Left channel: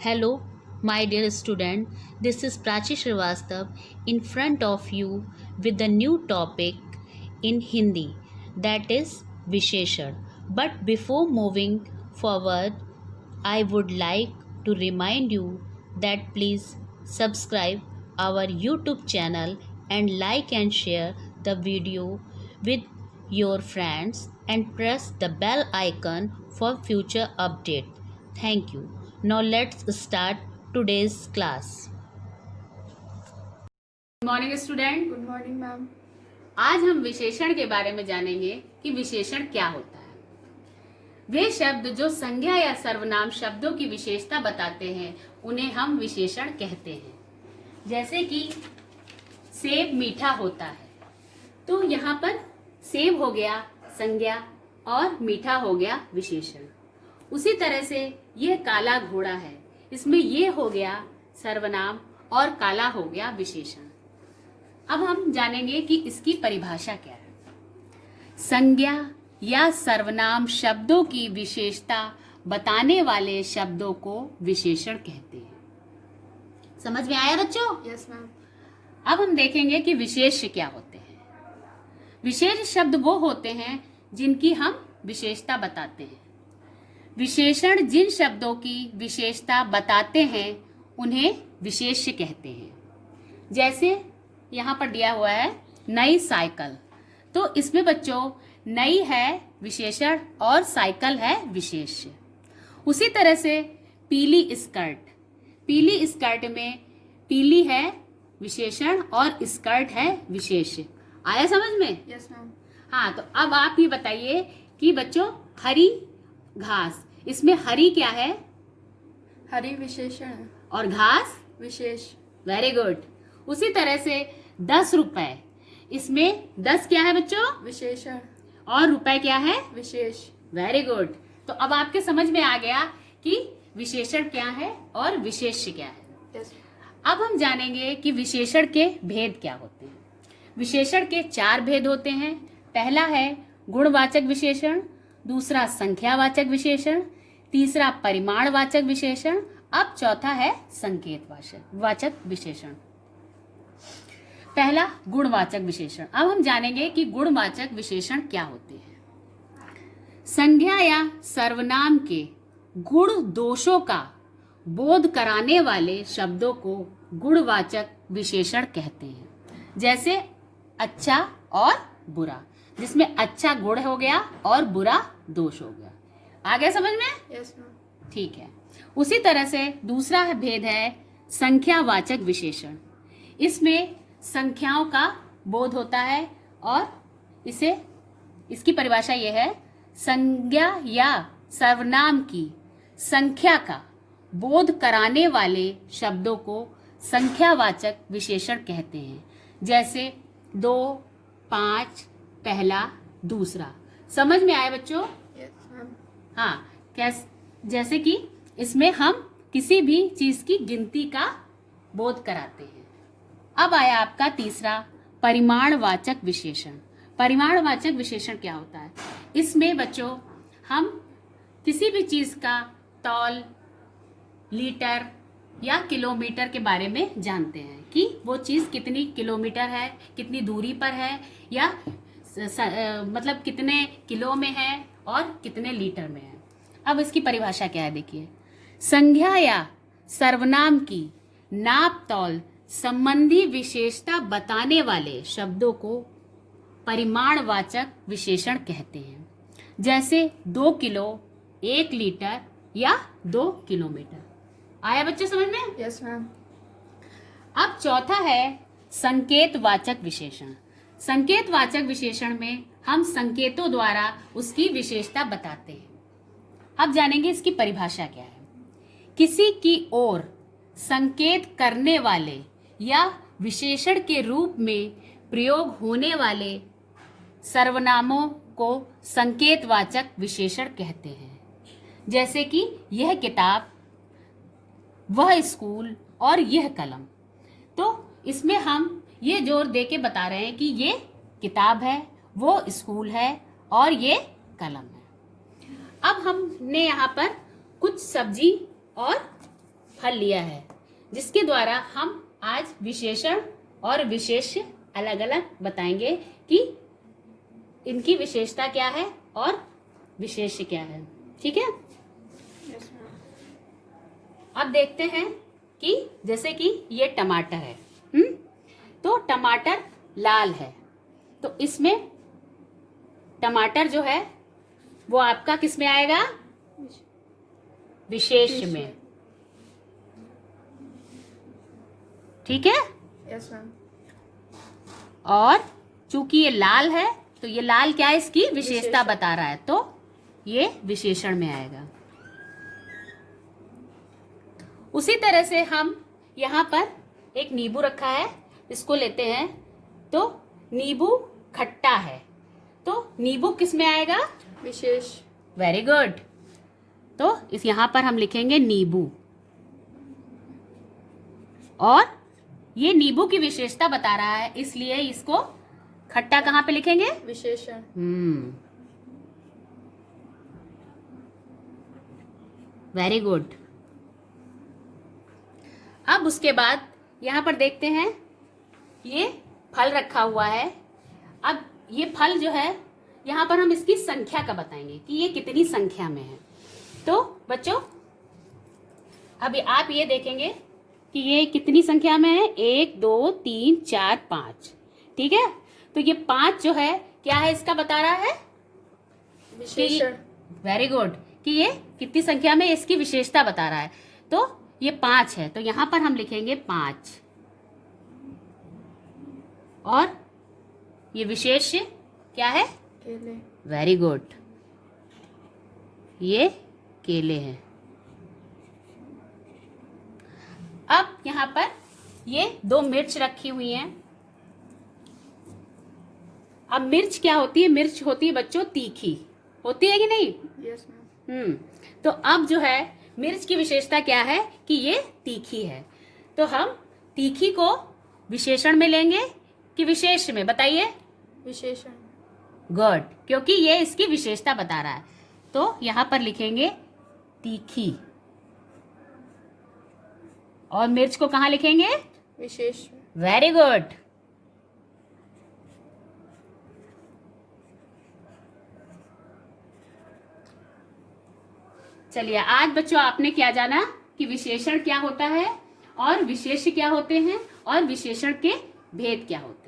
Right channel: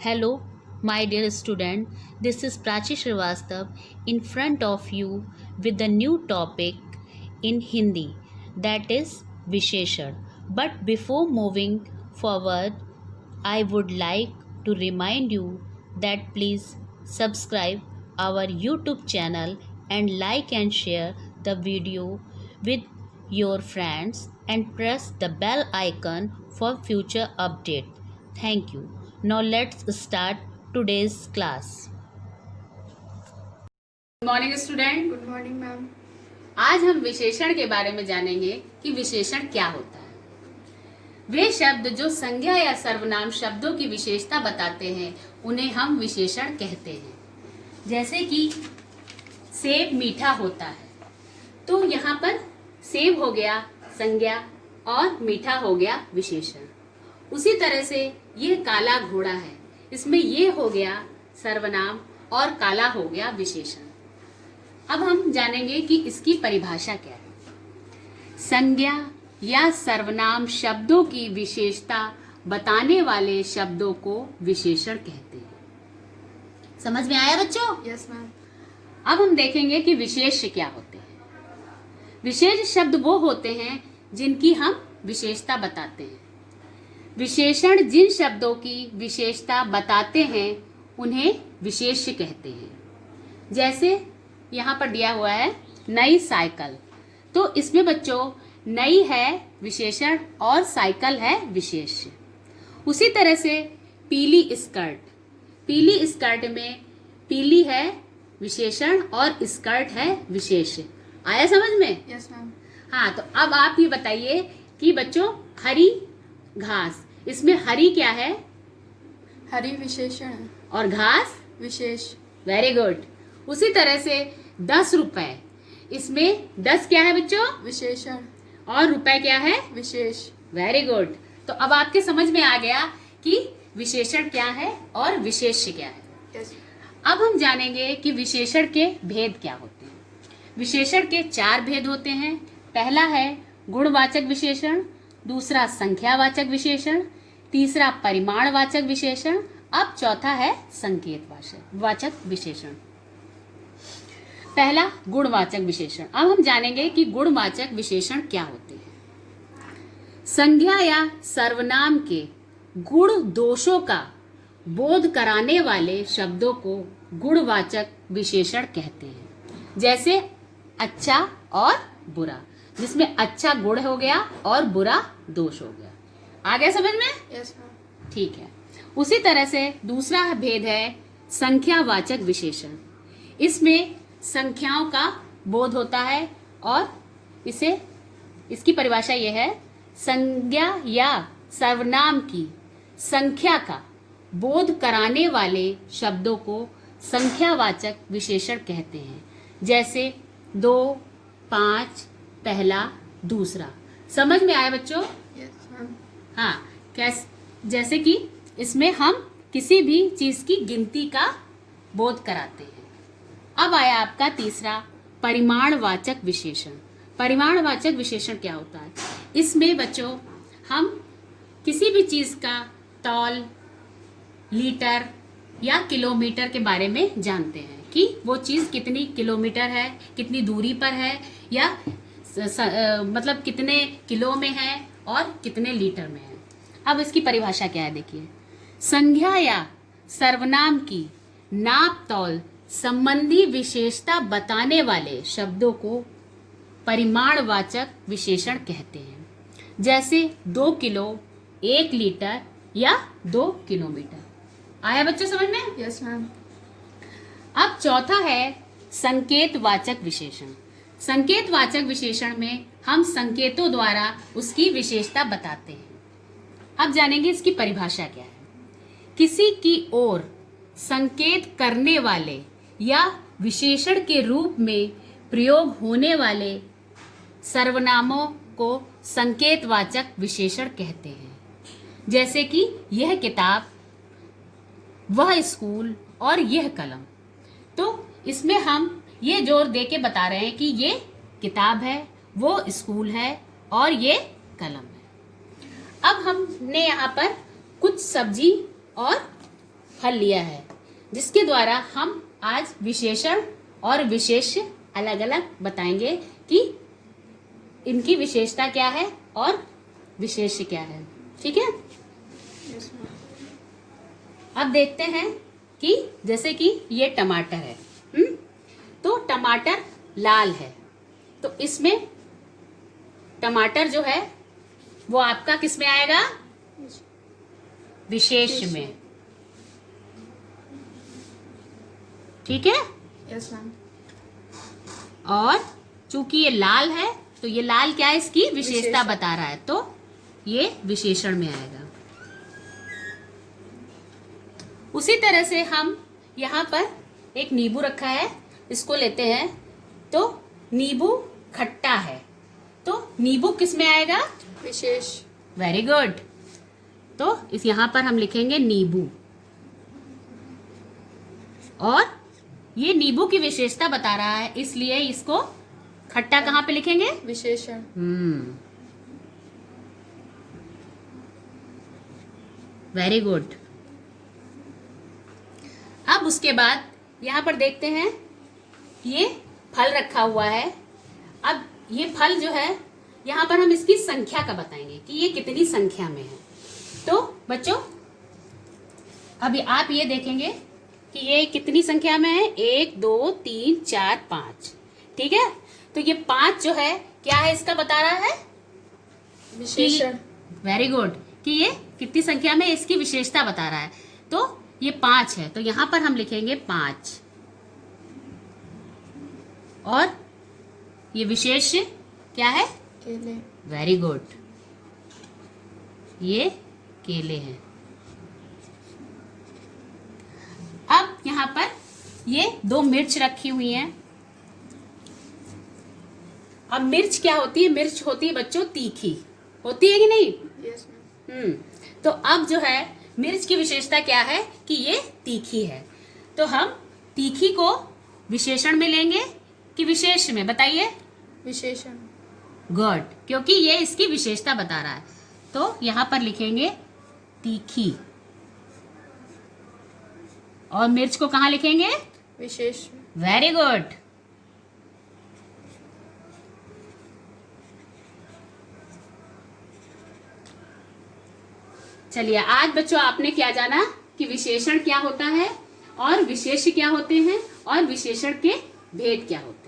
Hello, my dear student. This is Prachi Srivastav in front of you with the new topic in Hindi, that is Visheshan. But before moving forward, I would like to remind you that please subscribe our YouTube channel and like and share the video with your friends and press the bell icon for future update. Thank you. Now let's start today's class. Good morning student. Good morning ma'am. आज हम विशेषण के बारे में जानेंगे कि विशेषण क्या होता है। वे शब्द जो संज्ञा या सर्वनाम शब्दों की विशेषता बताते हैं उन्हें हम विशेषण कहते हैं। जैसे कि सेब मीठा होता है, तो यहाँ पर सेब हो गया संज्ञा और मीठा हो गया विशेषण। उसी तरह से यह काला घोड़ा है, इसमें ये हो गया सर्वनाम और काला हो गया विशेषण। अब हम जानेंगे कि इसकी परिभाषा क्या है। संज्ञा या सर्वनाम शब्दों की विशेषता बताने वाले शब्दों को विशेषण कहते हैं। समझ में आया बच्चों? Yes ma'am. अब हम देखेंगे कि विशेष क्या होते हैं। विशेष शब्द वो होते हैं जिनकी हम विशेषता बताते हैं। विशेषण जिन शब्दों की विशेषता बताते हैं उन्हें विशेष्य कहते हैं। जैसे यहाँ पर दिया हुआ है नई साइकिल, तो इसमें बच्चों नई है विशेषण और साइकिल है विशेष्य। उसी तरह से पीली स्कर्ट, पीली स्कर्ट में पीली है विशेषण और स्कर्ट है विशेष्य। आया समझ में? Yes ma'am. हाँ, तो अब आप ये बताइए कि बच्चों हरी घास, इसमें हरी क्या है? हरी विशेषण है और घास विशेष। Very good. उसी तरह से 10 रुपए, इसमें 10 क्या है बच्चों? विशेषण। और रुपए क्या है? विशेष। Very good. तो अब आपके समझ में आ गया कि विशेषण क्या है और विशेष्य क्या है। यस। अब हम जानेंगे कि विशेषण के भेद क्या होते हैं। विशेषण के 4 भेद होते हैं। पहला है गुणवाचक विशेषण, दूसरा संख्यावाचक विशेषण, तीसरा परिमाणवाचक विशेषण, अब चौथा है संकेत वाचक विशेषण। पहला गुणवाचक विशेषण। अब हम जानेंगे कि गुणवाचक विशेषण क्या होते हैं। संज्ञा या सर्वनाम के गुण दोषों का बोध कराने वाले शब्दों को गुणवाचक विशेषण कहते हैं। जैसे अच्छा और बुरा, जिसमें अच्छा गुण हो गया और बुरा दोष हो गया। आ गया समझ में? Yes ma'am. ठीक है। उसी तरह से दूसरा भेद है संख्यावाचक विशेषण। इसमें संख्याओं का बोध होता है और इसकी परिभाषा यह है, संज्ञा या सर्वनाम की संख्या का बोध कराने वाले शब्दों को संख्यावाचक विशेषण कहते हैं। जैसे 2, 5, पहला, दूसरा। समझ में आया बच्चों? Yes ma'am. हाँ, जैसे कि इसमें हम किसी भी चीज की गिनती का बोध कराते हैं। अब आया आपका तीसरा परिमाणवाचक विशेषण। परिमाणवाचक विशेषण क्या होता है? इसमें बच्चों हम किसी भी चीज का तौल, लीटर या किलोमीटर के बारे में जानते हैं कि वो चीज कितनी किलोमीटर है, कितनी दूरी पर है, या मतलब कितने किलो में है और कितने लीटर में है। अब इसकी परिभाषा क्या है देखिए। संज्ञा या सर्वनाम की नाप तौल संबंधी विशेषता बताने वाले शब्दों को परिमाणवाचक विशेषण कहते हैं। जैसे 2 किलो, 1 लीटर या 2 किलोमीटर। आया बच्चों समझ में? Yes ma'am. अब चौथा है संकेतवाचक विशेषण। संकेतवाचक विशेषण में हम संकेतों द्वारा उसकी विशेषता बताते हैं। अब जानेंगे इसकी परिभाषा क्या है। किसी की ओर संकेत करने वाले या विशेषण के रूप में प्रयोग होने वाले सर्वनामों को संकेतवाचक विशेषण कहते हैं। जैसे कि यह किताब, वह स्कूल और यह कलम। तो इसमें हम ये जोर दे के बता रहे हैं कि ये किताब है, वो स्कूल है और ये कलम है। अब हमने यहाँ पर कुछ सब्जी और फल लिया है, जिसके द्वारा हम आज विशेषण और विशेष अलग अलग बताएंगे कि इनकी विशेषता क्या है और विशेष क्या है। ठीक है, यस मैम। अब देखते हैं कि जैसे कि ये टमाटर है, तो टमाटर लाल है, तो इसमें टमाटर जो है वो आपका किस में आएगा? विशेष में। ठीक है, यस मैम। और चूंकि ये लाल है तो ये लाल क्या है? इसकी विशेषता विशेषण। बता रहा है, तो ये विशेषण में आएगा। उसी तरह से हम यहाँ पर एक नींबू रखा है, इसको लेते हैं, तो नींबू खट्टा है, तो नींबू किस में आएगा? विशेष। Very good. तो इस यहाँ पर हम लिखेंगे नींबू, और ये नींबू की विशेषता बता रहा है, इसलिए इसको खट्टा कहाँ पे लिखेंगे? विशेषण। Very good. अब उसके बाद यहाँ पर देखते हैं, ये फल रखा हुआ है। अब ये फल जो है यहाँ पर हम इसकी संख्या का बताएंगे कि ये कितनी संख्या में है। तो बच्चों अभी आप ये देखेंगे कि ये कितनी संख्या में है? 1 2 3 4 5। ठीक है, तो ये 5 जो है क्या है? इसका बता रहा है विशेषण। वेरी गुड, कि ये कितनी संख्या में इसकी विशेषता बता रहा है। तो ये 5 है, तो यहां पर हम लिखेंगे 5, और ये विशेष क्या है? केले। वेरी गुड, ये केले हैं। अब यहाँ पर ये 2 मिर्च रखी हुई हैं। अब मिर्च क्या होती है? मिर्च होती है बच्चों तीखी, होती है कि नहीं? Yes ma'am. तो अब जो है मिर्च की विशेषता क्या है? कि ये तीखी है, तो हम तीखी को विशेषण में लेंगे कि विशेष में? बताइए। विशेषण। गुड, क्योंकि ये इसकी विशेषता बता रहा है, तो यहां पर लिखेंगे तीखी, और मिर्च को कहां लिखेंगे? विशेष। Very good. चलिए, आज बच्चों आपने क्या जाना कि विशेषण क्या होता है और विशेष क्या होते हैं और विशेषण के भेद क्या होते हैं।